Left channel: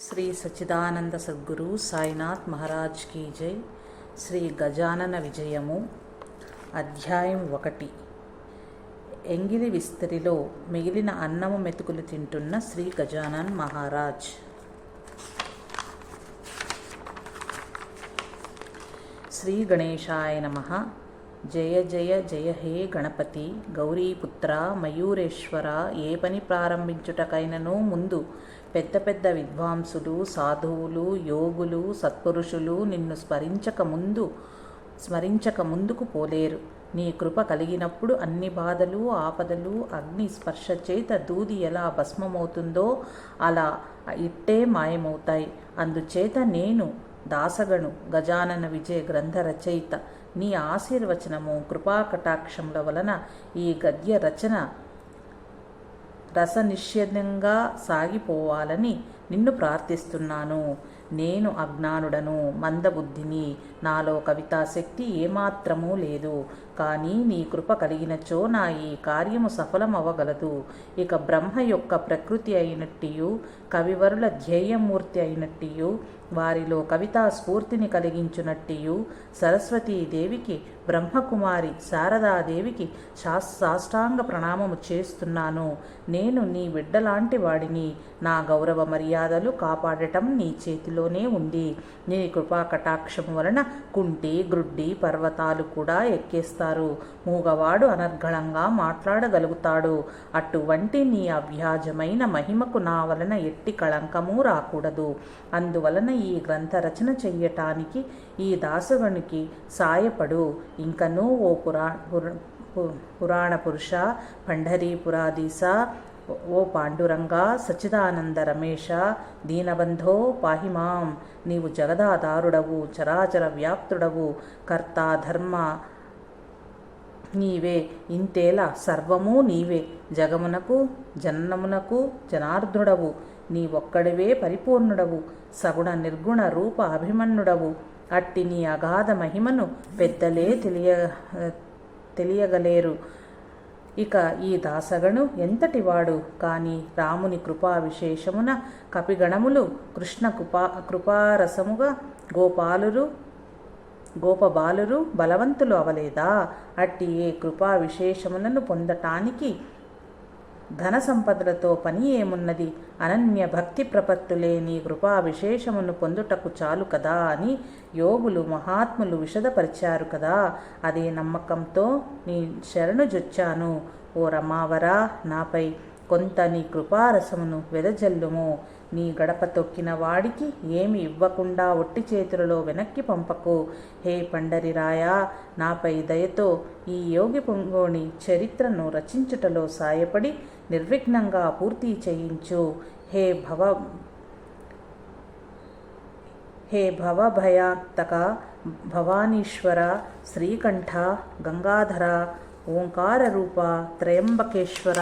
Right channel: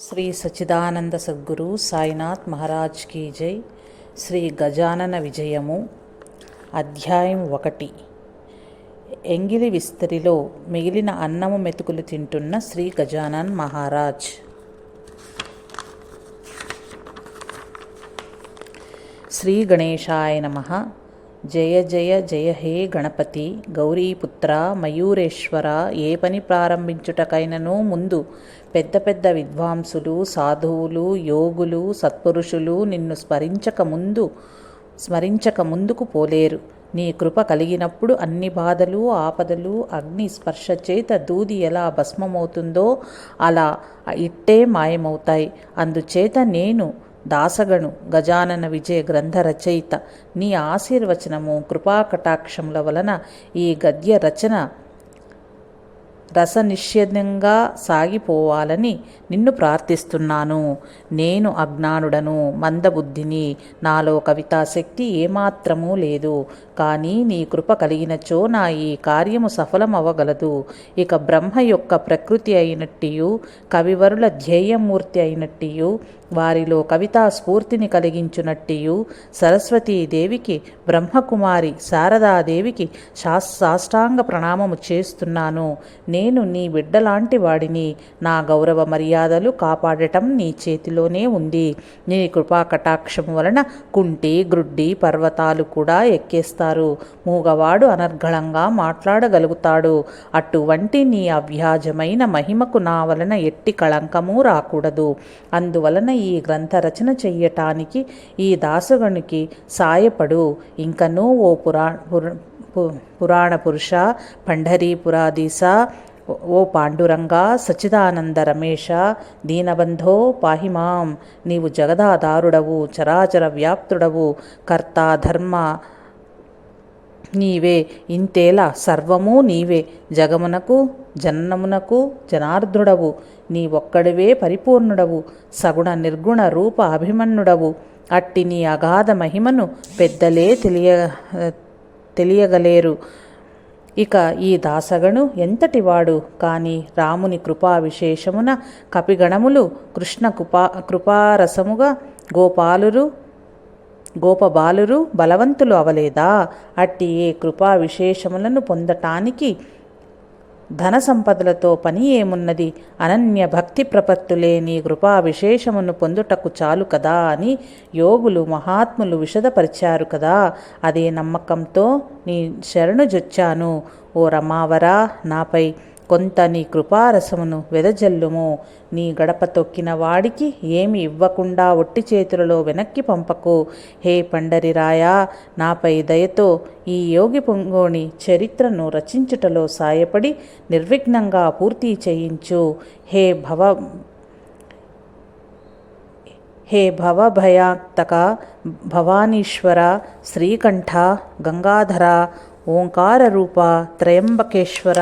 శ్రీ సచిదానంద సద్గురు సాయినాథ్ మహారాజ్ కీ జై. శ్రీ గజానన విజయము అధ్యాయం ఒకటి. ఎంగిలి విస్తరిలో మిగిలిన అన్నము మెతుకులు తింటున్న శ్రీ గజానన్ మహారాజ్. శ్రీ గణేశాయ నమ. జయ జయ జయ హే గణపతి. గౌరీపుత్ర మయూరేశ్వర ఏ పని ప్రారంభించుటకైనను ముందు పెద్ద పెద్ద విద్వాంసులు సాధువులు యోగులు సత్పురుషులు నిన్ను స్మరించక ముందు స్మరించక ముందుకు పోలేరు. నీ కృప కలిగినప్పుడు అన్ని బాధలు ఆపదలు అగ్ని స్పర్శ చేత దూది ఎలా భస్మమవుతుందో అలా ఇట్టే మాయమవుతాయి. అందుచేత నేను దాసగను గజానన విజయ గ్రంథ రచయిత. నీ ఆశీర్వచనము కృపాకటాక్షముల వలన ఈ గద్య రచన రసనిషేధంగా సాగిపోవాలని నిన్ను ప్రార్థిస్తున్నాను. నేను అజ్ఞానుడను మందబుద్ధిని. నాలో కవితాశక్తి ఏమాత్రమూ లేదు. కానీ నీ కృప కలిగినచో నా ఈ కార్యము సఫలమవ్వగలదు. ఇక బ్రహ్మ యొక్క ప్రకృతి అయినట్టియు కవివరుల ధ్యేయమూర్తి అయినట్టియు వారిలో కవితా స్ఫూర్తిని కలిగించునట్టియు సరస్వతీదేవికి బ్రహ్మకుమారి శారదాదేవికి శాస్ సాష్టాంగ ప్రణామము చేస్తున్నాను. నేను నీ బిడ్డలాంటి వాడిని. నా గౌరవ మర్యాదలు కాపాడటం నీ చేతిలోనే ఉంది. నీ కృపా కటాక్షం వలన కుంటి గ్రుడ్డి పర్వతాలు కూడా ఎక్కేస్తారు. మూగవాడు అనర్గళంగా మాట్లాడగలుగుతాడు. అటువంటి నీ అవ్యాజమైన మహిమకు నా వలన ఎట్టి కళంకము రాకూడదు. అందువలన ఈ గ్రంథ రచన చెయ్యటానికి ఈ దాసగణుకి సాయపడు. ఇంకనూ ఓ పురా పురాణ పురుష పండరీపురాధీశ ఓ పాండురంగ సచిదానంద రమేష దీనబంధో పాహిమాం నీవు జగదాధారుడవు చరాచర వ్యాప్తుడవు కర్త ధర్మ నీవే. ఇంతేలా సర్వము నీవే. జగమునకు జననమునకు జనార్దుడవు నీ ఒక్కడివే పరిపూర్ణుడవు సగుణ నిర్గుణ రూప అభిమన్యుడవు. అట్టి నీ అగాధ మహిమను పెద్దలే తెలియ తెలియగలేరు. ఇక ఈ దాసగణు ఎంతటివాడు? కాని రాముని కృపా విశేషమున కపిగణములు కృష్ణ కృపా కృపారసముగా గోపాలురు గోపబాలురు బలవంతులు అవలేదా? అట్టి ఏ కృపా విశేషములను పొందటానికి ధన సంపదలతో పని ఏమున్నది? అనన్య భక్తి ప్రపత్తులే నీ కృపా విశేషమును పొందుటకు చాలు కదా అని యోగులు మహాత్ములు విషదపరిచారు కదా. అదే నమ్మకంతో నీ శరణు జొచ్చాను. ఓ రమావరా నాపై కొంత నీ కృపారసమును వెదజల్లుము. నీ గడప తొక్కిన వాడికి ఏమి ఇవ్వకుండా ఒట్టి చేతులలో వెనక్కి పంపకు. హే పండరిరాయా నాపై దయతో ఈ యోగి పొంగోని చరిత్రను రచించుటలో సాయపడి నిర్విఘ్నంగా పూర్తి చేయించు. హే భవ హే భవభయాత్తక భవానీశ్వర శ్రీకంఠ గంగాధర ఓంకార రూప త్రయంబకేశ్వర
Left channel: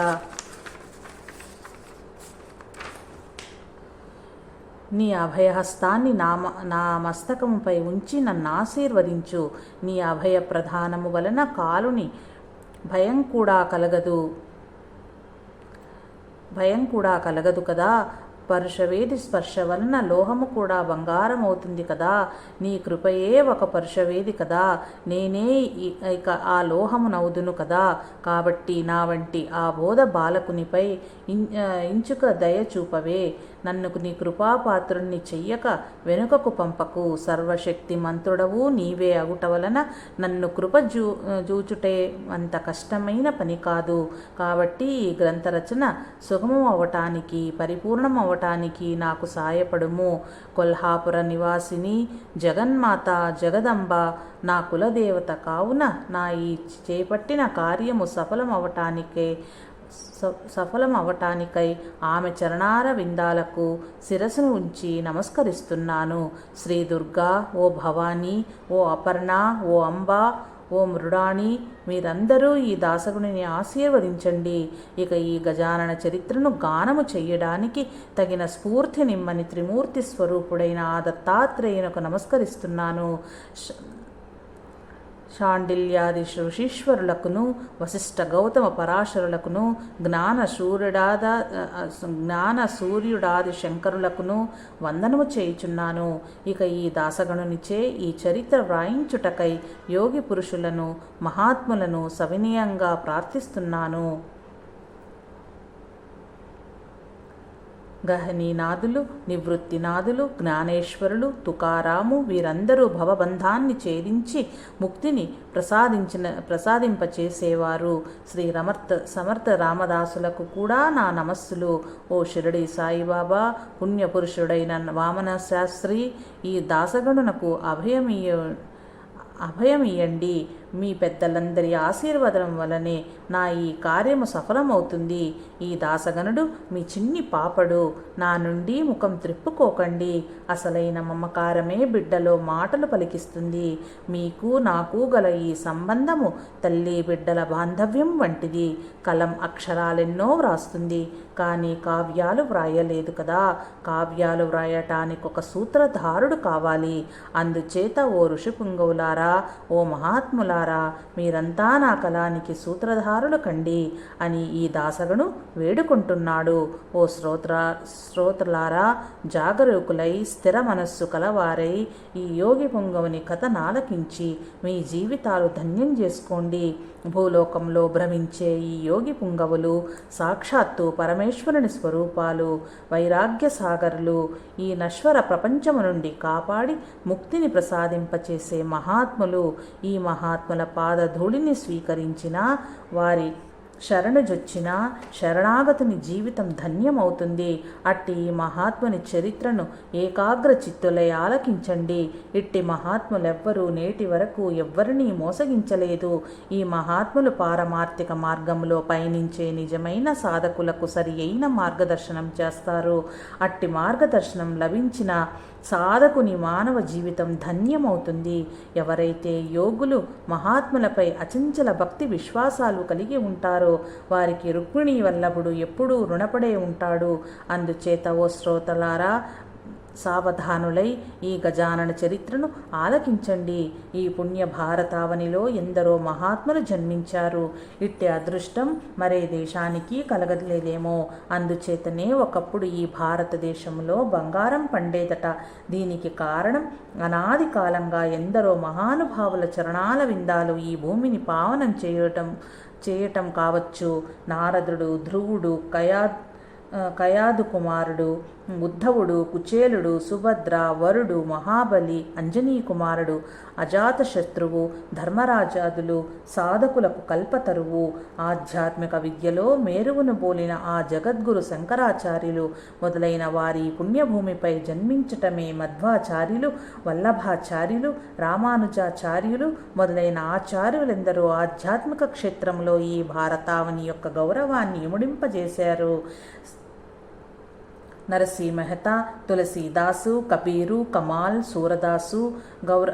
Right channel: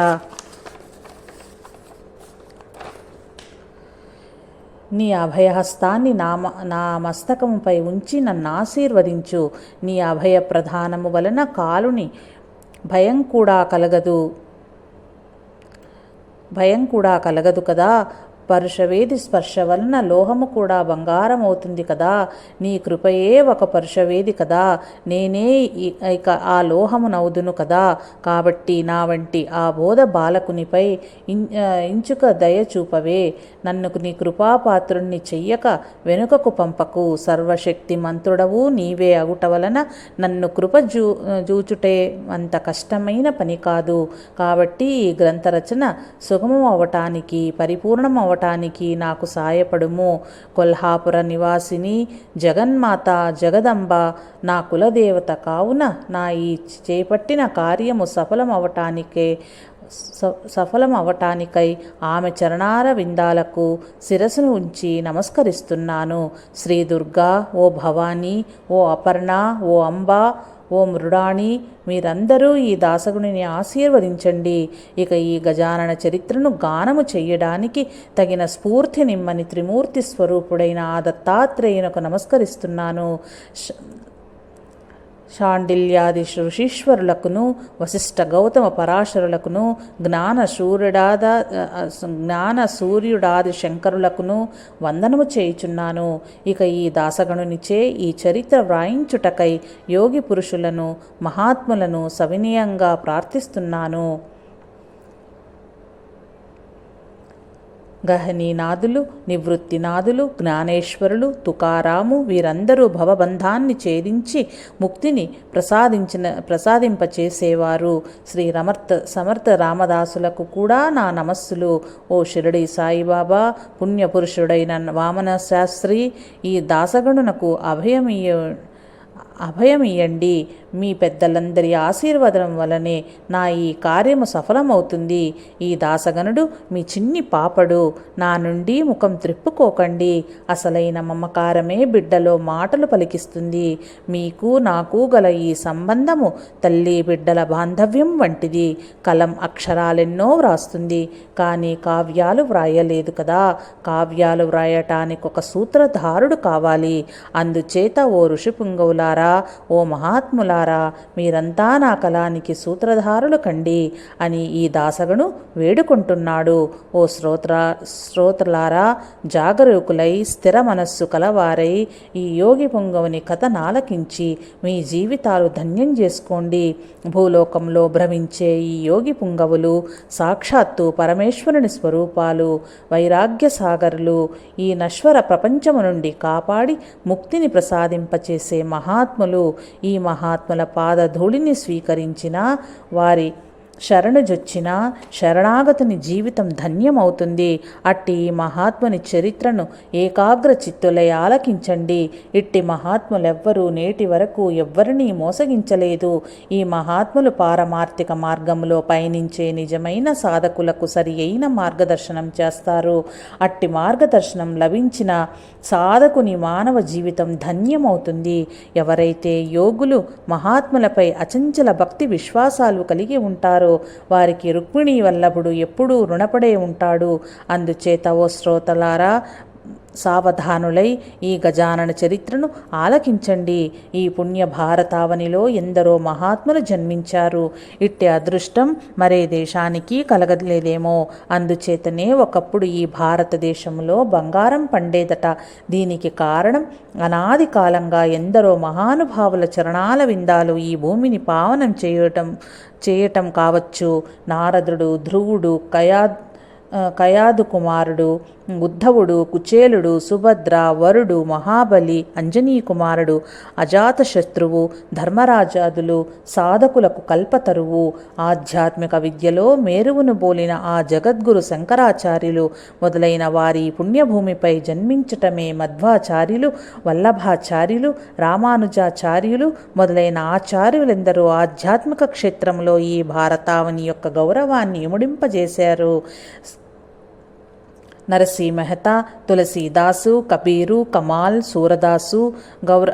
నీ అభయహస్తాన్ని నా నా మస్తకంపై ఉంచి నన్ను ఆశీర్వదించు. నీ అభయ ప్రధానము వలన కాలుని భయం కూడా కలగదు. భయం కూడా కలగదు కదా? పరుషవేది స్పర్శ వలన లోహము కూడా బంగారం అవుతుంది కదా? నీ కృపయే ఒక పరుషవేది కదా? నేనే ఇక ఆ లోహమునవుదును కదా? కాబట్టి నా వంటి ఆ బోధ బాలకునిపై ఇంచుక దయ చూపవే. నన్ను నీ కృపాపాత్రుణ్ణి చెయ్యక వెనుకకు పంపకు. సర్వశక్తి మంత్రుడవు నీవే అగుట వలన నన్ను కృప జూ జూచుటే అంత కష్టమైన పని కాదు. కాబట్టి ఈ గ్రంథరచన సుగమం అవటానికి పరిపూర్ణం అవటానికి నాకు సాయపడుము. కొల్హాపుర నివాసిని జగన్మాత జగదంబ నా కులదేవత కావున నా ఈ చేపట్టిన కార్యము సఫలం అవటానికే సఫలం అవటానికై ఆమె చరణార విందాలకు శిరస్సును ఉంచి నమస్కరిస్తున్నాను. శ్రీ దుర్గా ఓ భవానీ ఓ అపర్ణ ఓ అంబ ఓ మృడాణి మీరందరూ ఈ దాసగుడిని ఆశీర్వదించండి. ఇక ఈ గజానన చరిత్రను గానము చెయ్యడానికి తగిన స్ఫూర్తి నిమ్మని త్రిమూర్తి స్వరూపుడైన ఆ దత్తాత్రేయునకు నమస్కరిస్తున్నాను. శాండిల్యాది ఋషీశ్వరులకును వశిష్ఠ గౌతమ పరాశరులకును జ్ఞాన సూర్యుడాద జ్ఞాన సూర్యుడాది శంకరులకును వందనము చేయుచున్నాను. ఇక ఈ దాసగణునిచే ఈ చరిత్ర వ్రాయించుటకై యోగి పురుషులను మహాత్ములను సవినయంగా ప్రార్థిస్తున్నాను. గహనీనాథులు నివృత్తినాథులు జ్ఞానేశ్వరులు తుకారాము వీరందరూ భవబంధాన్ని ఛేదించి ముక్తిని ప్రసాదించిన ప్రసాదింపచేసేవారు. శ్రీ రమర్థ సమర్థ రామదాసులకు కూడా నా నమస్సులు. ఓ షిరడి సాయిబాబా పుణ్యపురుషుడైన వామన శాస్త్రి ఈ దాసగణునకు అభయమీయ అభయమియండి మీ పెద్దలందరి ఆశీర్వాదం వలనే నా ఈ కార్యము సఫలమవుతుంది. ఈ దాసగనుడు మీ చిన్ని పాపడు. నా నుండి ముఖం త్రిప్పుకోకండి. అసలైన మమకారమే బిడ్డలో మాటలు పలికిస్తుంది. మీకు నాకు గల ఈ సంబంధము తల్లి బిడ్డల బాంధవ్యం వంటిది. కలం అక్షరాలెన్నో వ్రాస్తుంది. కానీ కావ్యాలు వ్రాయలేదు కదా. కావ్యాలు వ్రాయటానికి ఒక సూత్రధారుడు కావాలి. అందుచేత ఓ ఋషి పుంగవులారా ఓ మహాత్ములారా మీరంతా నా కళానికి సూత్రధారులు కండి అని ఈ దాసగను వేడుకుంటున్నాడు. ఓ శ్రోత్ర శ్రోతలారా జాగరూకులై స్థిర మనస్సు కలవారై ఈ యోగి పుంగవుని కథ నాలకించి మీ జీవితాలు ధన్యం చేసుకోండి. భూలోకంలో భ్రమించే ఈ యోగి పుంగవులు సాక్షాత్తు పరమేశ్వరుని స్వరూపాలు వైరాగ్య సాగరులు ఈ నశ్వర ప్రపంచము నుండి కాపాడి ముక్తిని ప్రసాదింపచేసే మహాత్ములు ఈ మహాత్ముల పాదధూళిని స్వీకరించిన వారి శరణుజొచ్చిన శరణాగతుని జీవితం ధన్యమవుతుంది. అట్టి మహాత్ముని చరిత్రను ఏకాగ్ర చిత్తులై ఆలకించండి. ఇట్టి మహాత్ములెవ్వరూ నేటి వరకు ఎవ్వరినీ మోసగించలేదు. ఈ మహాత్ములు పారమార్థిక మార్గంలో పయనించే నిజమైన సాధకులకు సరి అయిన మార్గదర్శనం చేస్తారు. అట్టి మార్గదర్శనం లభించిన సాధకుని మానవ జీవితం ధన్యమవుతుంది. ఎవరైతే యోగులు మహాత్ములపై అచంచల భక్తి విశ్వాసాలు కలిగి ఉంటారు వారికి రుక్మిణి వల్లభుడు ఎప్పుడూ రుణపడే ఉంటాడు. అందుచేత ఓ శ్రోతలారా సావధానులై ఈ గజానన చరిత్రను ఆలకించండి. ఈ పుణ్య భారతావనిలో ఎందరో మహాత్ములు జన్మించారు. ఇట్టి అదృష్టం మరే దేశానికి కలగలేదేమో. అందుచేతనే ఒకప్పుడు ఈ భారతదేశంలో బంగారం పండేదట. దీనికి కారణం అనాది కాలంగా ఎందరో మహానుభావుల చరణాల విందాలు ఈ భూమిని పావనం చేయటం. చేయటం కావచ్చు. నారదుడు ధ్రువుడు కయా కయాదు కుమారుడు ఉద్ధవుడు కుచేలుడు సుభద్ర వరుడు మహాబలి అంజనీ కుమారుడు అజాతశత్రువు ధర్మరాజాదులు సాధకులకు కల్పతరువు ఆధ్యాత్మిక విద్యలో మేరువును బోలిన ఆ జగద్గురు శంకరాచార్యులు మొదలైన వారి పుణ్యభూమిపై జన్మించటమే మధ్వాచార్యులు వల్లభాచార్యులు రామానుజాచార్యులు మొదలైన ఆచార్యులెందరూ ఆధ్యాత్మిక క్షేత్రంలో ఈ భారతావని యొక్క గౌరవాన్ని ఇముడింపజేశారు నరసీ మెహతా తులసీదాసు కబీరు కమాల్ సూరదాసు గౌర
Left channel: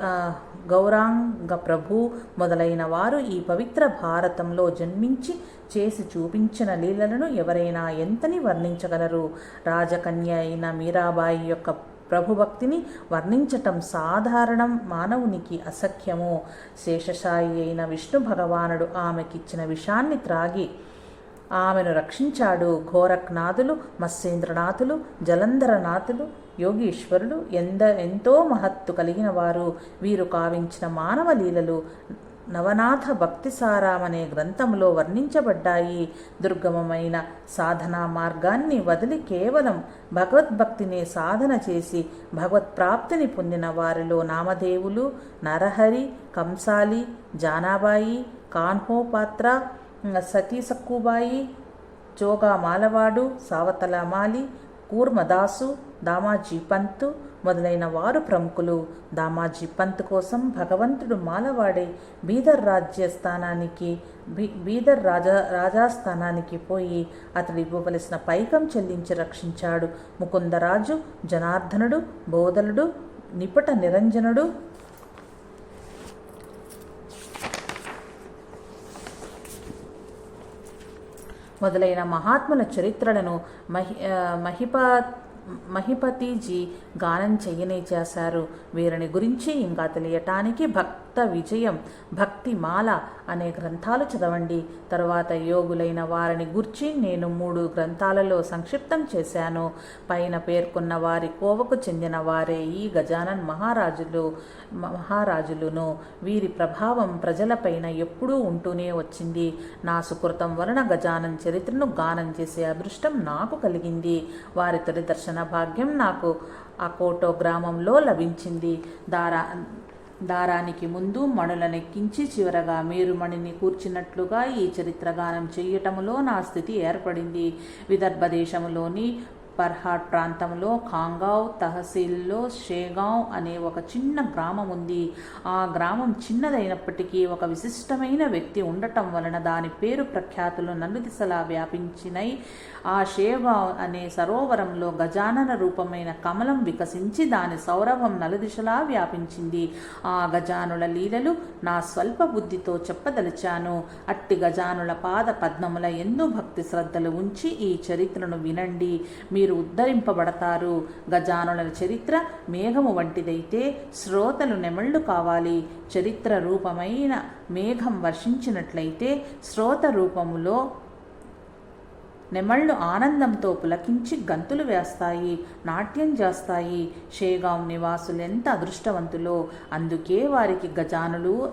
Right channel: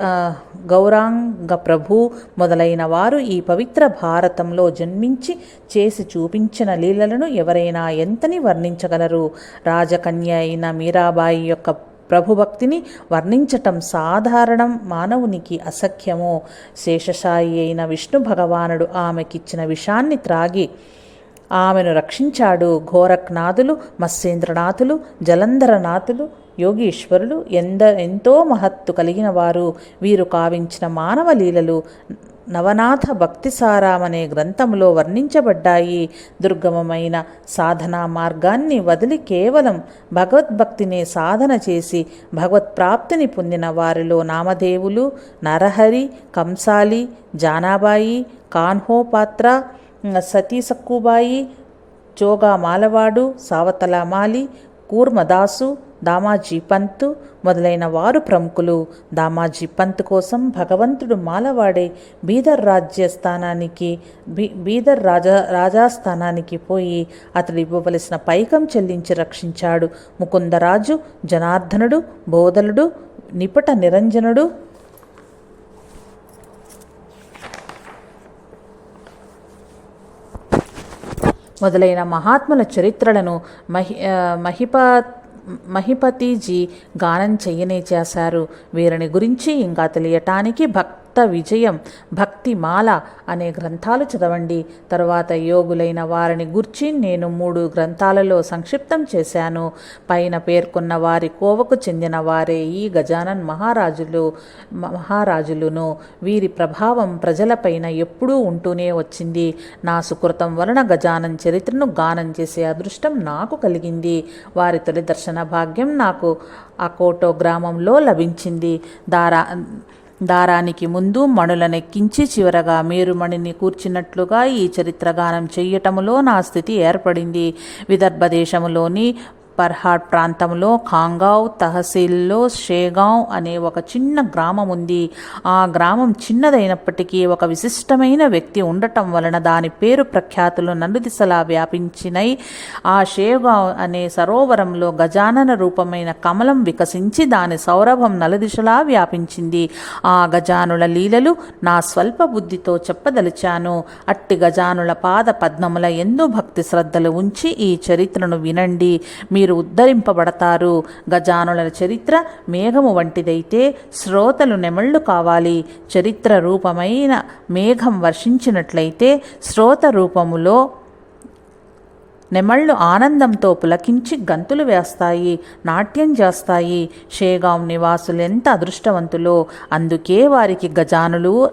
గౌరాంగ ప్రభు మొదలైన వారు ఈ పవిత్ర భారతంలో జన్మించి చేసి చూపించిన లీలలను ఎవరైనా ఎంతని వర్ణించగలరు? రాజకన్య అయిన మీరాబాయి యొక్క ప్రభుభక్తిని వర్ణించటం సాధారణం మానవునికి అసఖ్యము. శేషశాయి అయిన విష్ణు భగవానుడు ఆమెకిచ్చిన విషాన్ని త్రాగి ఆమెను రక్షించాడు. ఘోరక్నాథులు మత్స్యేంద్రనాథులు జలంధరనాథులు యోగీశ్వరులు ఎంద ఎంతో మహత్తు కలిగిన వారు వీరు కావించిన మానవ లీలలు నవనాథ భక్తిసారామనే గ్రంథంలో వర్ణించబడ్డాయి. దుర్గమమైన సాధనా మార్గాన్ని వదిలి కేవలం భగవద్భక్తినే సాధన చేసి భగవత్ప్రాప్తిని పొందిన వారిలో నామదేవులు నరహరి కంసాలి జానాబాయి కాన్హోపాత్ర సతీ సక్కుబాయి జోగా మాలవాడు సావతల మాలి కూర్మదాసు దామాజీ పంత్ మొదలైన వారు ప్రముఖులు. దామాజీ పంత్ కోసం భగవంతుడు మాలవాడే బీదర్ రాజ్యస్థానానికి బీ బీదర్ రాజా రాజాస్థానానికి పోయి అతడు ఇవ్వవలసిన పైకం చెల్లించి రక్షించాడు. ముకుందరాజు జనార్దనుడు బోధలుడు నిపట నిరంజనుడు మొదలైన మహాత్ముల చరిత్రలను మహి మహిప మహిపతిజీ గానం చెయ్యనే చేశారు. వీరిని గురించి ఇంకా తెలియటానికి భక్ విజయం భక్తిమాల అనే గ్రంథాలు చదవండి. తరువాత యోగులైన వారిని గుర్చి నేను మూడు గ్రంథాలలో సంక్షిప్తం చేశాను. పైన పేర్కొన్న వారి కోవకు చెందిన వారే ఈ గజానన్ మహారాజులు మహారాజులును. వీరి ప్రభావం ప్రజలపైన ఎప్పుడూ ఉంటూనే వచ్చింది. నా సుకృతం వలన గజానన్ చరిత్రను గానం చేసే అదృష్టం నాకు కలిగింది. వారి తొలి దర్శన భాగ్యం నాకు అకోటో గ్రామంలో లభించింది. దారా దారానికి ముందు మణులనెక్కించి చివరగా మేరుమణిని కూర్చున్నట్లుగా ఈ చరిత్రగానం చెయ్యటములో నా స్థితి ఏర్పడింది. విదర్భ దేశములోని పర్హాట్ ప్రాంతంలో ఖాంగావ్ తహసీల్లో షేగావ్ అనే ఒక చిన్న గ్రామం ఉంది. ఆ గ్రామం చిన్నదైనప్పటికీ ఒక విశిష్టమైన వ్యక్తి ఉండటం వలన దాని పేరు ప్రఖ్యాతులు నలుదిశలా వ్యాపించినై ఆ షేగావ్ అనే సరోవరంలో గజానన రూపమైన కమలం వికసించి దాని సౌరభం నలుదిశలా వ్యాపించింది. ఆ గజానుల లీలలు నా స్వల్ప బుద్ధితో చెప్పదలిచాను. అట్టి గజానుల పాద పద్మముల ఎందు భక్తి శ్రద్ధలు ఉంచి ఈ చరిత్రను వినండి. మీరు ఉద్ధరింపబడతారు. గజానుల చరిత్ర మేఘము వంటిదైతే శ్రోతలు నెమళ్ళు కావాలి. చరిత్ర రూపమైన మేఘం వర్షించినట్లయితే శ్రోత రూపములో నెమళ్ళు ఆనందంతో పులకించి గంతులు వేస్తాయి నాట్యం చేస్తాయి. షేగాం నివాసులు ఎంత అదృష్టవంతులో. అందుకే వారికి గజానులు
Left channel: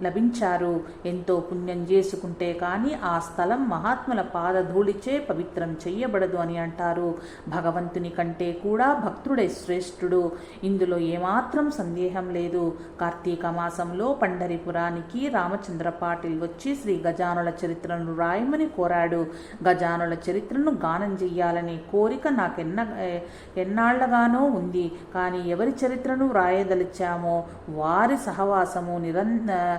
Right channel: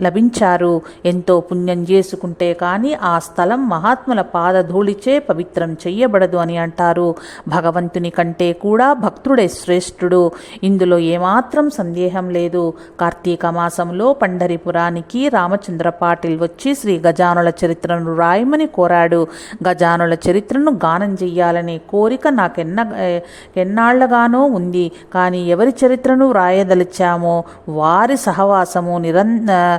లభించారు. ఎంతో పుణ్యం చేసుకుంటే కానీ ఆ స్థలం మహాత్ముల పాదధూళిచే పవిత్రం చెయ్యబడదు అని అంటారు. భగవంతుని కంటే కూడా భక్తుడే శ్రేష్ఠుడు. ఇందులో ఏమాత్రం సందేహం లేదు. కార్తీక మాసంలో పండరిపురానికి రామచంద్ర పాటిల్ వచ్చి శ్రీ గజానుల చరిత్రను రాయమని కోరాడు. గజానుల చరిత్రను గానం చెయ్యాలనే కోరిక నాకెన్న ఎన్నాళ్ళగానో ఉంది. కానీ ఎవరి చరిత్రను రాయదలిచామో వారి సహవాసము నిరంతర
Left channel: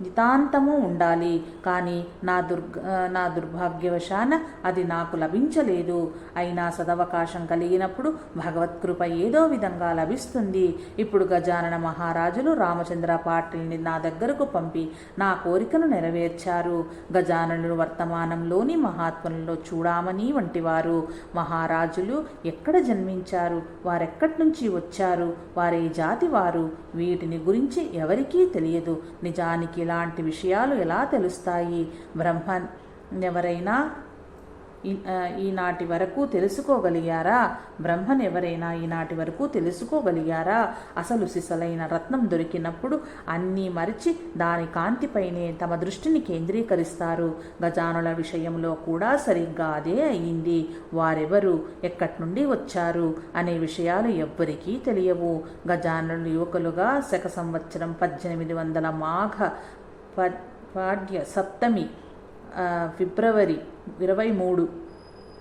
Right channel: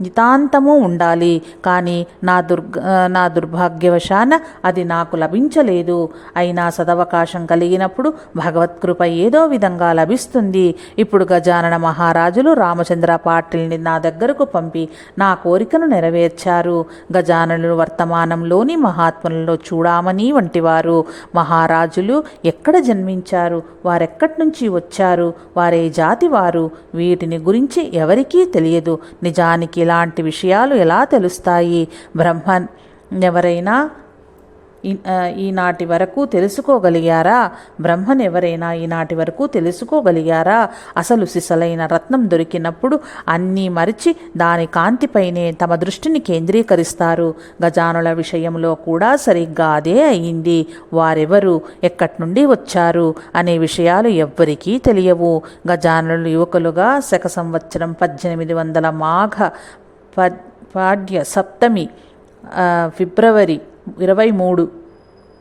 నితాంతము ఉండాలి. కానీ నా దుర్గ నా దుర్భాగ్యవశాన అది నాకు లభించలేదు. అయినా సదవకాశం కలిగినప్పుడు భగవత్కృప ఏదో విధంగా లభిస్తుంది. ఇప్పుడు గజానన మహారాజులు రామచంద్ర పాటిల్ని నా దగ్గరకు పంపి నా కోరికను నెరవేర్చారు. గజాననులు వర్తమానంలోని మహాత్ములలో చూడామని వంటివారు. మహారాజులు ఎక్కడ జన్మించారు? వారెక్కడి నుంచి వచ్చారు? వారే జాతి వారు వీటిని గురించి ఎవరికీ తెలియదు. నిజానికి ఇలాంటి విషయాలు ఎలా తెలుస్తాయి? బ్రహ్మన్ ఎవరైనా ఈనాటి వరకు తెలుసుకోగలిగారా? బ్రహ్మన్ ఎవరైనా ఈనాటి వరకు తెలుసుకోగలిగారా? అసలు సిసలైన రత్నం దొరికినప్పుడు అన్నీ మరిచి దాని కాంతిపైనే తమ దృష్టిని కేంద్రీకరిస్తారు. గజానుల విషయంలో కూడా సరిగ్గా అదే అయింది. వారెవరు ఎక్కడి నుండి వచ్చారు అనే విషయాలు ఎవ్వరికీ తెలియవు. గజానులు యువకులుగా శక సంవత్సరం పద్దెనిమిది వందల మాఘ పాడ్య సప్తమి ఫిబ్రవరి ఇరవై మూడు.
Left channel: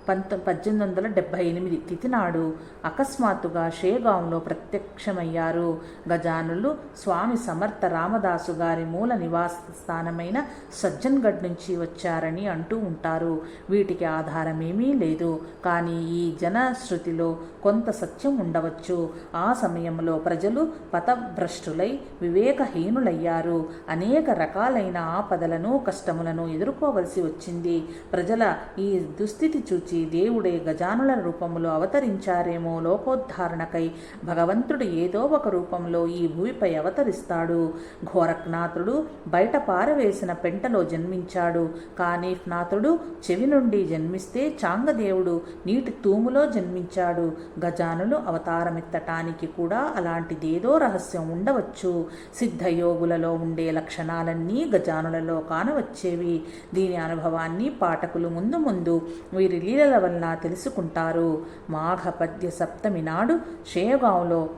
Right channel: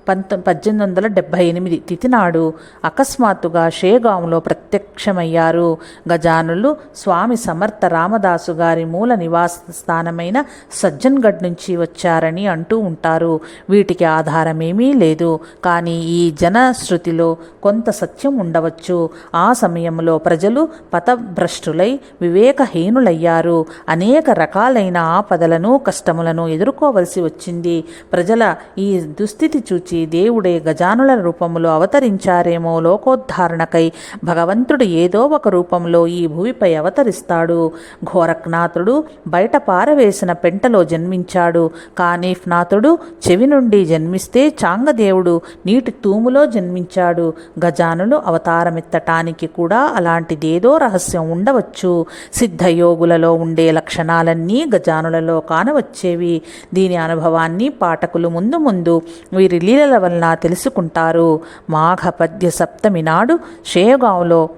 పంత పద్దెనిమిది వందల డెబ్భై ఎనిమిది తిథి నాడు అకస్మాత్తుగా షేగాంలో ప్రత్యక్షమయ్యారు. గజానులు స్వామి సమర్థ రామదాసు గారి మూల నివాస స్థానమైన సజ్జన్గఢ్ నుంచి వచ్చారని అంటూ ఉంటారు. వీటికి ఆధారమేమీ లేదు. కానీ ఈ జనశ్రుతిలో కొంత సత్యం ఉండవచ్చు. ఆ సమయంలో ప్రజలు పథభ్రష్టులై వివేకహీనులయ్యారు. అనేక రకాలైన ఆపదలను కష్టములను ఎదుర్కోవలసి వచ్చింది. ప్రజల ఈ దుస్థితి చూచి దేవుడే గజానుల రూపంలో అవతరించారేమో లోకోద్ధారణకై. భగవంతుడు ఏదో ఒక రూపంలో ఈ భూమిపై అవతరిస్తాడు. ఘోరక్నాథుడు బయట పారవేసిన పెంటలో జన్మించాడు. కానీఫ్నాథుడు చెవి నుండి జన్మిస్తే చాంగదేవుడు నీటి తూములో జన్మించాడు. గజానులు అవతారమెత్తటానికి కూడా అలాంటిదేదో రహస్యం ఉండవచ్చు. సిద్ధయోగులలో ఉండే లక్షణాలన్నీ గజానులలో కానవచ్చేవి. దీని అనుభవాన్ని పాఠకులు ముందు ముందు వీరి లీలల వలన తెలుసుకుంటారు. మాఘపద్య సప్తమి నాడు షేగావ్లో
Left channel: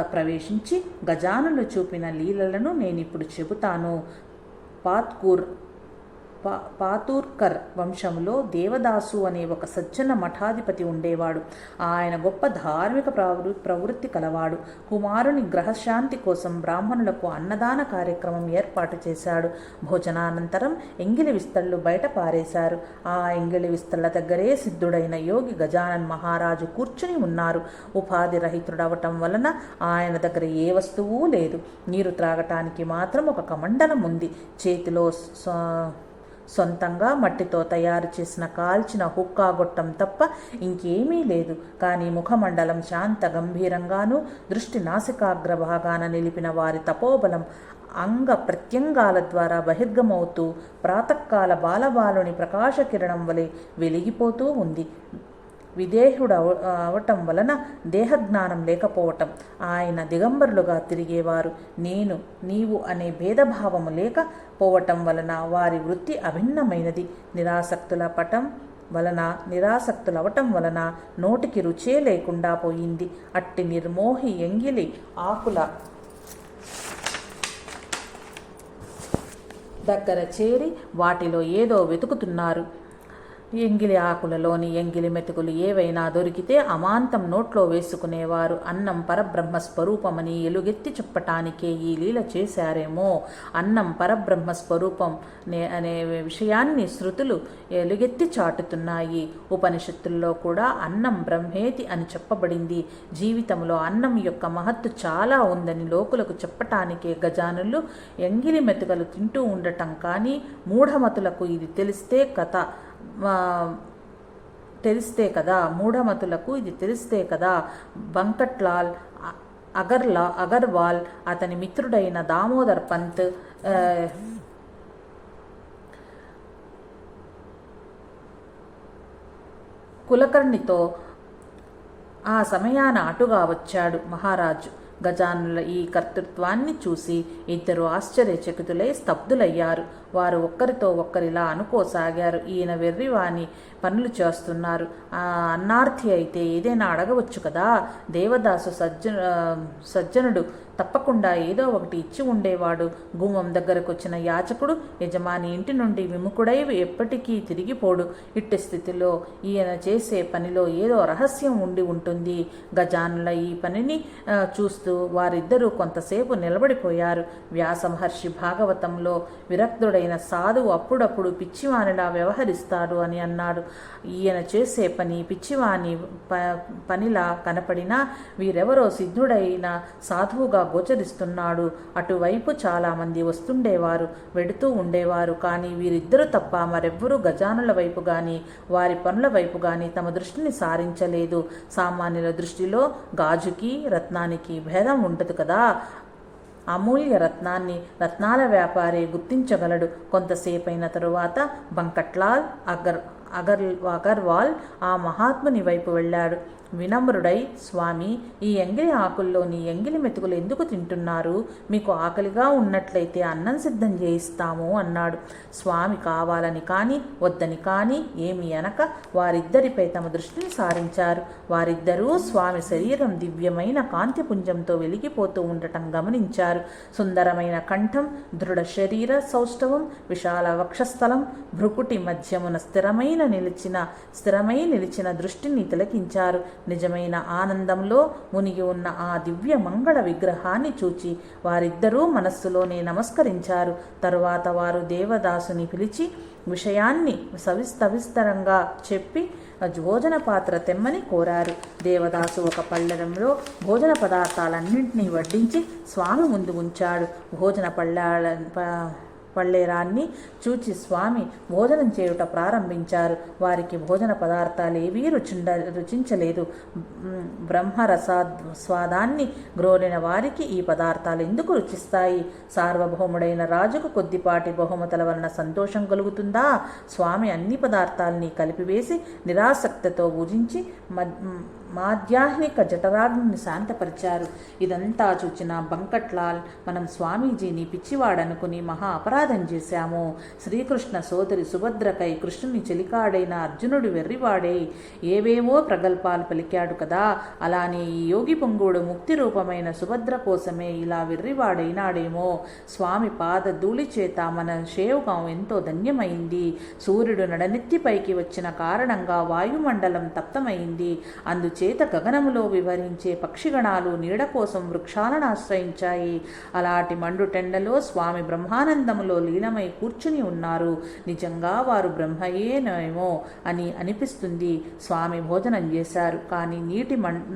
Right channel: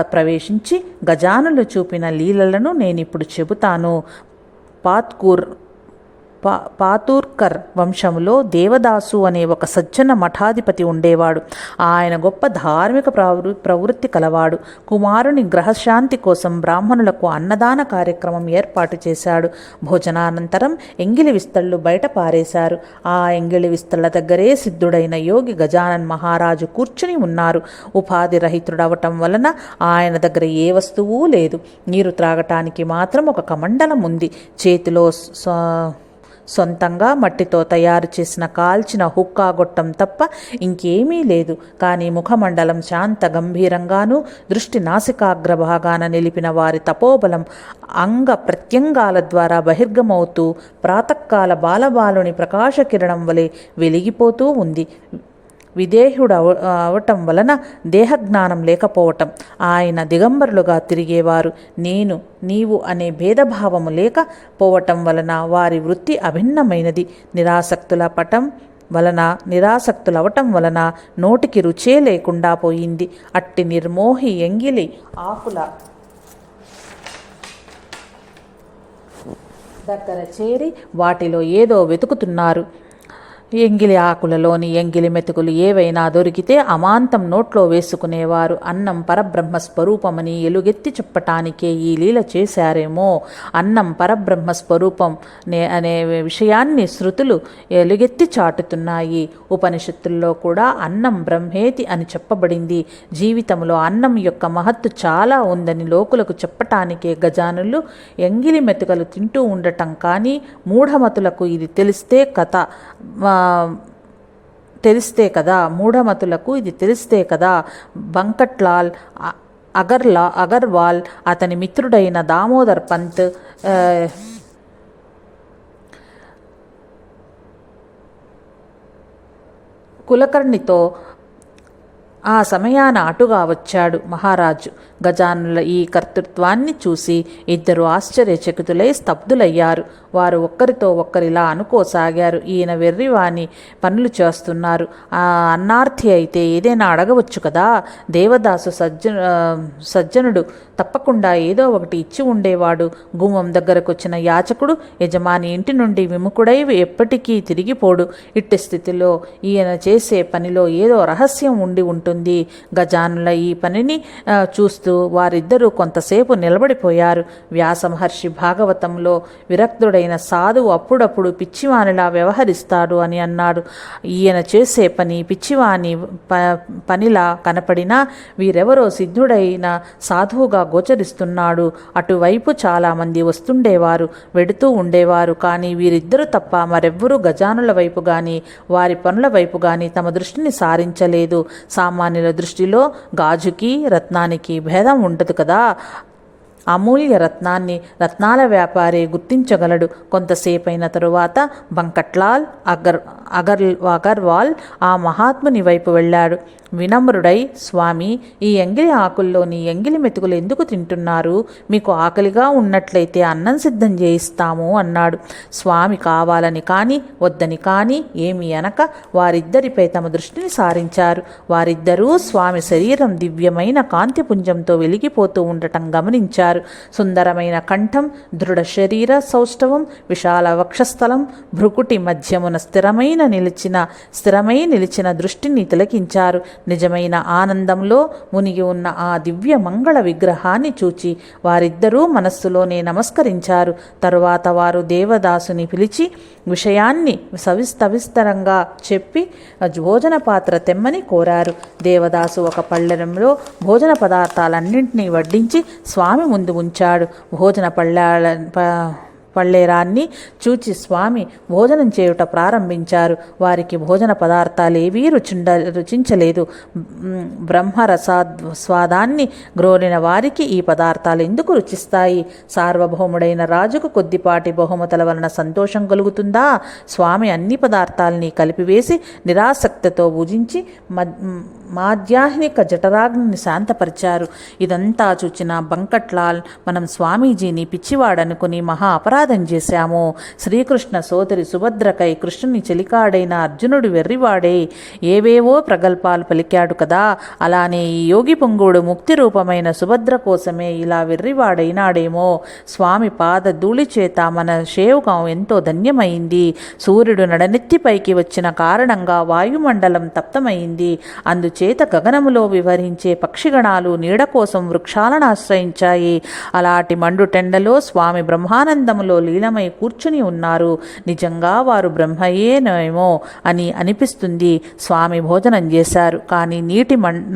ప్రవేశించి గజానులు చూపిన లీలలను నేను ఇప్పుడు చెబుతాను. పాత్కూర్ పా పాతూర్కర్ వంశంలో దేవదాసు అనే ఒక సజ్జన మఠాధిపతి ఉండేవాడు. ఆయన గొప్ప ధార్మిక ప్రవృ ప్రవృత్తి కలవాడు. కుమారుని గ్రహశాంతి కోసం బ్రాహ్మణులకు అన్నదాన కార్యక్రమం ఏర్పాటు చేశాడు. భోజనానంతరం ఎంగిలి విస్తళ్ళు బయట పారేశారు. ఆ ఎంగిలి విస్తళ్ళ దగ్గరే సిద్ధుడైన యోగి గజానన్ మహారాజు కూర్చుని ఉన్నారు. ఉపాధి రహితుడవటం వలన ఆయన దగ్గర ఏ వస్తువు లేదు. నీరు త్రాగటానికి మాత్రం ఒక కమండలం ఉంది. చేతిలో స్వ- సొంతంగా మట్టితో తయారు చేసిన కాల్చిన హుక్కా గొట్టం తప్ప ఇంకేమీ లేదు. కానీ ముఖమండలం శాంత గంభీరంగానూ దృష్టి నాసికాగ్ర భాగాన నిలిపిన వారి తపోబలం అంగ ప్రత్యంగాల ద్వారా బహిర్గమవుతూ ప్రాతకాల బాలబాలుని ప్రకాశకిరణం వలె వెలిగిపోతూ ఉంది. విదేహుడు అవ అవటం వలన దేహజ్ఞానం లేకపోవటం. ఆయన దిగంబరులుగా తిరిగేవారు. నేను నీవు అనే భేదభావము లేకపోవటం వలన వారి వృత్తి అభిన్నమైనది. నిరాసక్తుల పటం వలన నిరాసక్తులవటం వలన నోటికి రుచే లేకుండా పోయింది. అట్టి నిర్మోహి ఎంగిలి ఆకుల దగ్గర చేరి వాటిలో ఏదో వెతుకుతున్నారు. ఎంగిలి ఆకులలోని ఎంగిలి మెతుకులు ఏవైనా దొరికితే అమాంతం నోట్లో వేసుకునేవారు. అన్నం పరబ్రహ్మ స్వరూపమని ఎలుగెత్తి చెప్పటానికే ఈ లీల చేశారేమో. అన్నం పరబ్రహ్మ స్వరూపం నే అనే విషయాన్ని శృతులు ఎలుగెత్తి చాటుతున్నాయి. ఉపనిషత్తుల్లో కూడా అన్నం బ్రహ్మేతి అని చెప్పబడింది. జీవితంలో అన్నం యొక్క మహత్తు చాలా ఉందని లోకులకు చెప్పటానికే గజానులు ఎంగిలి మెతుకలు తింటూ ఉండటం కానీ మూఢమతులకు ఇది తెలిస్తే కథ. తెలిస్తే కదా మూఢమతులకు ఇది తెలిస్తే కదా బంకట్లాల్ అగర్లా అగర్వాల్ అతని మిత్రుడైన దామోదర్ పంత్ కులకర్ణితో ఆ సమయాన అటుగా వచ్చాడు మహారాజు. గజానుల ఈ కర్తృత్వాన్ని చూసి ఇద్దరు ఆశ్చర్యచకితులై స్తబ్దులయ్యారు. వారు ఒక్కరితో ఒక్కరిలా అనుకోసాగారు. ఈయన వెర్రివాని పనులు చేస్తున్నారు. ఆ అన్నార్థి అయితే ఏదైనా అడగవచ్చు కదా? దేవదాసు సజ్జ సజ్జనుడు తప్పకుండా ఏదో ఒకటి ఇచ్చి ఉండేవాడు. గుమ్మం దగ్గరకు వచ్చిన యాచకుడు యజమాని ఇంటి నుండి విముఖుడై ఎప్పటికీ తిరిగిపోడు. ఇట్టి స్థితిలో ఈయన చేసే పనిలో ఏదో రహస్యం ఉండి ఉంటుంది. గజానుల ఈ పనిని చూస్తూ వారిద్దరూ కొంతసేపు నిలబడిపోయారు. వ్యాసమహర్షి భాగవతంలో విరక్తుడైన సాధువు అప్పుడప్పుడు పిచ్చివానిలా వ్యవహరిస్తాడు అని అన్నాడు. ఈయన చేసే పని పిచ్చివాని ప పనిలా కనపడినా వీరెవరో సిద్ధుడైన సాధువుగా గోచరిస్తున్నాడు. అటువైపు చాలామంది వస్తుండేవారు వెడుతూ ఉండేవారు. కానీ వీరిద్దరూ తప్ప మరెవ్వరూ గజానుల వైపు కానీ వారి పనుల వైపు కానీ తమ దృష్టిని సారించలేదు. సామాన్యుల దృష్టిలో గాజుకి రత్నానికి భేదం ఉండదు కదా. అమూల్య రత్నాన్ని రత్నాల వ్యాపారి గుర్తించగలడు. కొంతసేపైన తరువాత బంకట్లాల్ అగర్ అగర్ అగర్వాల్ ఆ మహాత్ముని వైపు వెళ్ళాడు. వినమ్రుడై స్వామి ఈ ఎంగిలి ఆకుల్లోని ఎంగిలి మెతుకులు ఎందుకు తింటున్నారు? మీకు ఆకలిగా ఉన్నట్లయితే అన్నం సిద్ధం చేయిస్తాము అన్నాడు. స్వామి కావాలని కానీ వద్దని కానీ ఏమి అనక వారిద్దరిపై తమ దృష్టిని సారించారు. వారిద్దరూ స్వామి శరీరం దివ్యమైన కాంతిపుంజంతో వెలిగిపోతూ ఉండటం గమనించారు. సుందరమైన కంఠం దృఢ శరీర సౌష్ఠవం విశాల వక్షస్థలం భృకుటి మధ్యమున స్థిరమైన నిలిచిన స్థిరమై నిలిచిన దృష్టిని తిలకించారు. నిజమైన ఆనందంలో మునిగి ఉన్న ఆ దివ్య మంగళ విగ్రహాన్ని చూచి వారిద్దరూ మనస్సులోనే నమస్కరించారు. తరువాత వారు దేవదాసుని పిలిచి విషయాన్ని సవిస్తవిస్తరంగా చెప్పి భోజన పాత్ర తెమ్మని కోరారు. దేవదాసు ఒక పళ్ళెంలో భోజన పదార్థాలన్నింటినీ వడ్డించి స్వామి ముందు ఉంచాడు. భోజన పళ్ళ పళ్ళేరాన్ని చూచి స్వామి భోజనం చేయుట ప్రారంభించారు. వారికి భోజన పదార్థాలేవీ రుచిండ రుచించలేదు. బ్రహ్మరసా స్వాదాన్ని గ్రోలిన వారికి ఈ పదార్థాలు ఎందుకు రుచిస్తాయి? సార్వభౌముడైన రాజుకు కొద్దిపాటి బహుమతుల వలన సంతోషం కలుగుతుందా? స్వామి అన్ని పదార్థాలని కలిపివేసి నిరాసక్తితో భుజించి మాధ్యాహ్నిక జఠరాగ్ని శాంతపరిచారు. ఇదంతా చూచిన బంకట్లాల్ మనం స్వామీజీని పిచ్చివాడనుకుని మహా అపరాధం చేశాము. శ్రీకృష్ణ సోదరి సుభద్రకై కృష్ణుని చెలికాడైన అర్జునుడు వెర్రివాడే. ఏవేవో ప్రగల్భాలు పలికాడు కదా. అలానే ఈ యోగి పొంగుడు ముక్తి రూపమైన సుభద్ర కోసమే ఇలా వెర్రివాడైనాడేమో. స్వామి పాద ధూళి చేత మన శేవుకం ఎంతో ధన్యమైంది. సూర్యుడు నడనెత్తిపైకి వచ్చిన కారణంగా వాయుమండలం తప్తమైంది. అందు అందుచేత గగనములో వివరించే పక్షిగణాలు నీడ కోసం వృక్షాలను ఆశ్రయించాయి. అలాంటి మండుటెండలో స్వామి బ్రహ్మానందములో లీనమై కూర్చుని ఉన్నారు. నిజంగా వారు బ్రహ్మయేనేమో అని అనిపిస్తుంది. స్వామి భోజనం చేశారు. కానీ నీటి మం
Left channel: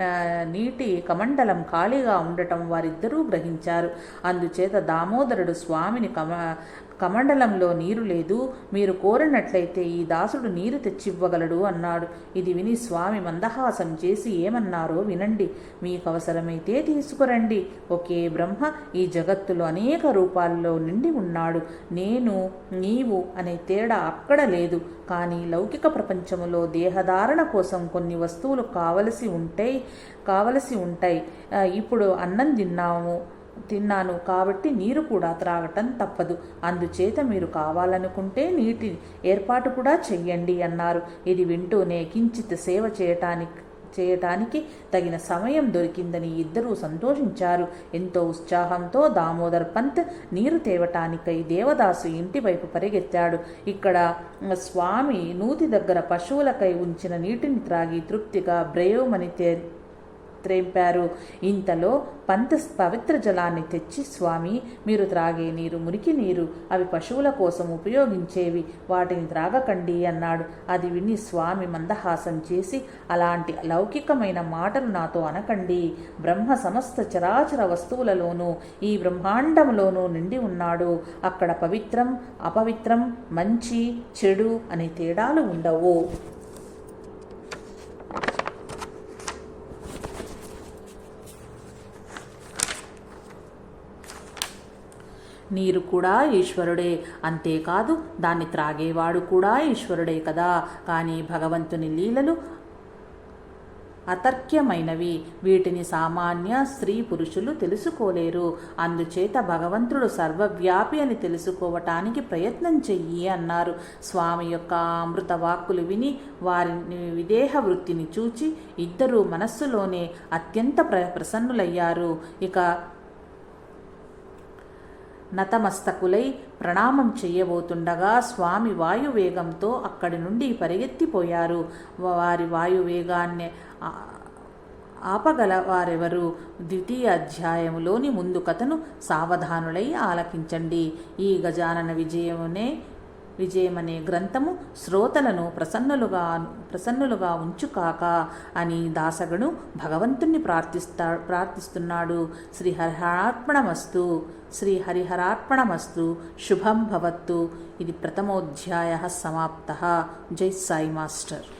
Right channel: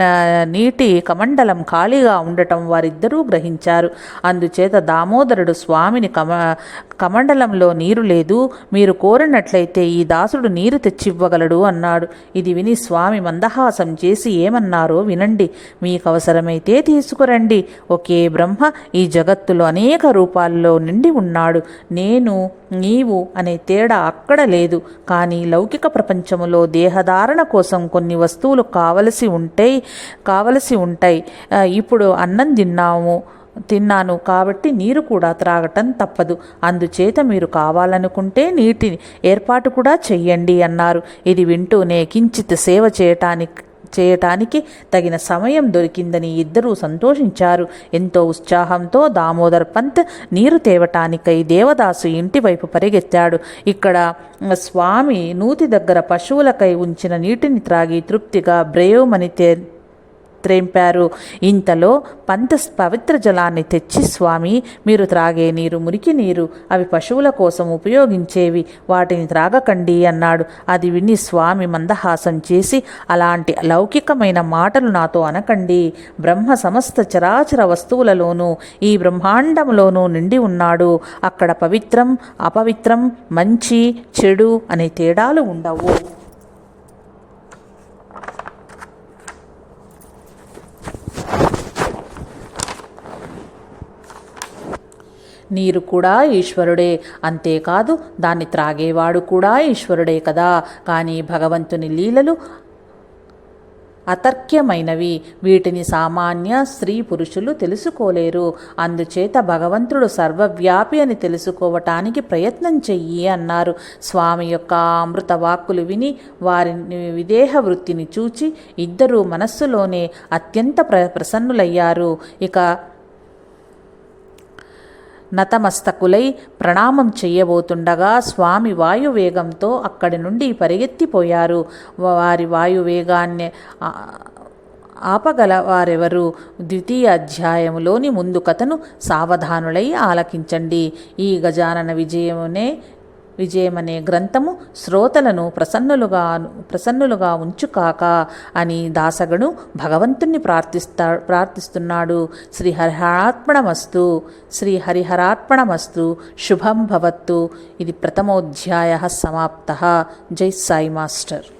నీటి కమండలం ఖాళీగా ఉండటం వారిద్దరూ గ్రహించారు. అందుచేత దామోదరుడు స్వామిని కమ కమండలంలో నీరు లేదు మీరు కోరినట్లయితే ఈ దాసుడు నీరు తెచ్చివ్వగలడు అన్నాడు. ఇది విని స్వామి మందహాసం చేసి ఏమన్నారో వినండి. మీకు అవసరమైతే తీసుకురండి. ఒకే బ్రహ్మ ఈ జగత్తులో అనేక రూపాల్లో నిండి ఉన్నాడు. నేను నీవు అనే తేడా అక్కడ లేదు. కానీ లౌకిక ప్రపంచములో దేహధారణ కోసం కొన్ని వస్తువులు కావలసి ఉంటాయి కావలసి ఉంటాయి. ఇప్పుడు అన్నం తిన్నాము. తిన్నాను కాబట్టి నీరు కూడా త్రాగటం తప్పదు. అందుచేత మీరు కావాలనుకుంటే నీటి ఏర్పాటు కూడా చెయ్యండి అన్నారు. ఇది వింటూనే కించిత్ సేవ చేయటానికి చేయటానికి తగిన సమయం దొరికిందని ఇద్దరూ సంతోషించారు. ఎంతో ఉత్సాహంతో దామోదర్ పంత్ నీరు తేవటానికై దేవదాసు ఇంటి వైపు పరిగెత్తాడు. ఇక్కడ స్వామి నూతి దగ్గర పశువులకై ఉంచిన నీటిని త్రాగి తృప్తిగా బ్రేయోమని తే త్రేంపారు. ఇంతలో పంత పవిత్ర జలాన్ని తెచ్చి స్వామి మీరు త్రాగే నీరు మురికి నీరు అవి పశువుల కోసం ఉపయోగించేవి. వాటిని త్రాగకండి అన్నాడు. అది విని స్వామి మందహాసం చేసి అలాంటి లౌకికమైన మాటలు నాతో అనకండి. బ్రహ్మ సమస్త చరాచర వస్తువులలోనూ ఈ బ్రహ్మాండంలోనూ నిండి ఉన్నాడు. అక్కడ పవిత్రం అపవిత్రం మంచి చెడు అనే తేడాలు ఉండవు. నీరు కూడా ఈశ్వరుడే. అంతేకాదు దాన్ని త్రాగేవాడు కూడా ఈశ్వరుడే కదా. కానీ భగవంతుని లీలలు అతర్క్యమైనవి. వీటిని సామాన్య స్త్రీ పురుషులు తెలుసుకోలేరు. అందుచేత భగవంతుడు సర్వవ్యాపి అని తెలుసుకోవటానికి ప్రయత్నం చెయ్యి అన్నారు. స్వామి యొక్క అమృత వాక్కులు విని వారిని విదేహ వృత్తిని చూచి ఇద్దరూ మనస్సులోనే అత్యంత ప్ర ప్రసన్నులయ్యారు ఇక నతమస్తకులై ప్రణామం చెయ్యబోతుండగా స్వామి వాయువేగంతో అక్కడి నుండి పరిగెత్తిపోయారు. వారి వాయువేగాన్ని ఆ- ఆపగల వారెవరు? ద్వితీయ అధ్యాయములోని ముందు కథను సావధానులై ఆలకించండి. ఈ గజానన విజయమునే విజయమనే గ్రంథము శ్రోతలను ప్రసన్నులుగా ప్రసన్నులుగా ఉంచుకాక అని దాసగుడు భగవంతుణ్ణి ప్రార్థిస్తా ప్రార్థిస్తున్నాడు. శ్రీ హరిహరార్పణమస్తు శ్రీ హరిహరార్పణమస్తు శుభం భవత్తు. ఇది ప్రథమోధ్యాయ సమాప్త. జై సాయి మాస్టర్.